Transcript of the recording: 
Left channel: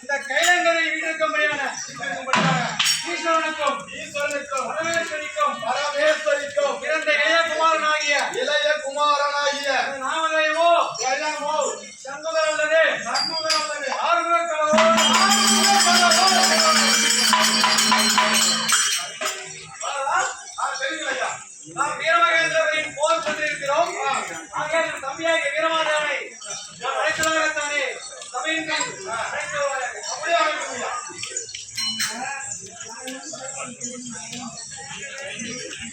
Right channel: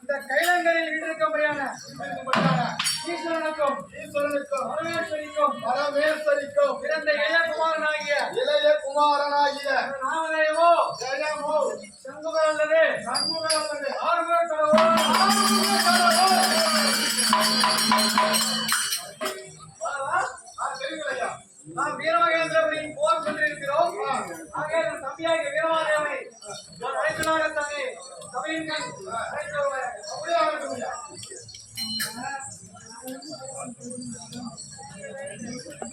இந்த கைலங்கரை வீட்டிற்கும்படியான ஈஸ்வரனுக்கும் பரமேஸ்வரிக்கும் பிறந்த இளைய குமாரனாகிய நாமதேவோ ஜெயமோ சங்குதர் அல்லது ஆறுமுக கடவுள் நாம் வீரமகேந்திரபுரியின் போர் சென்றிருக்கிறோம். ஆக தம்பியாகிய வீரமாதேவனை அழைத்ததாகத்தானே சபையின் அப்படியே அமைக்கும்.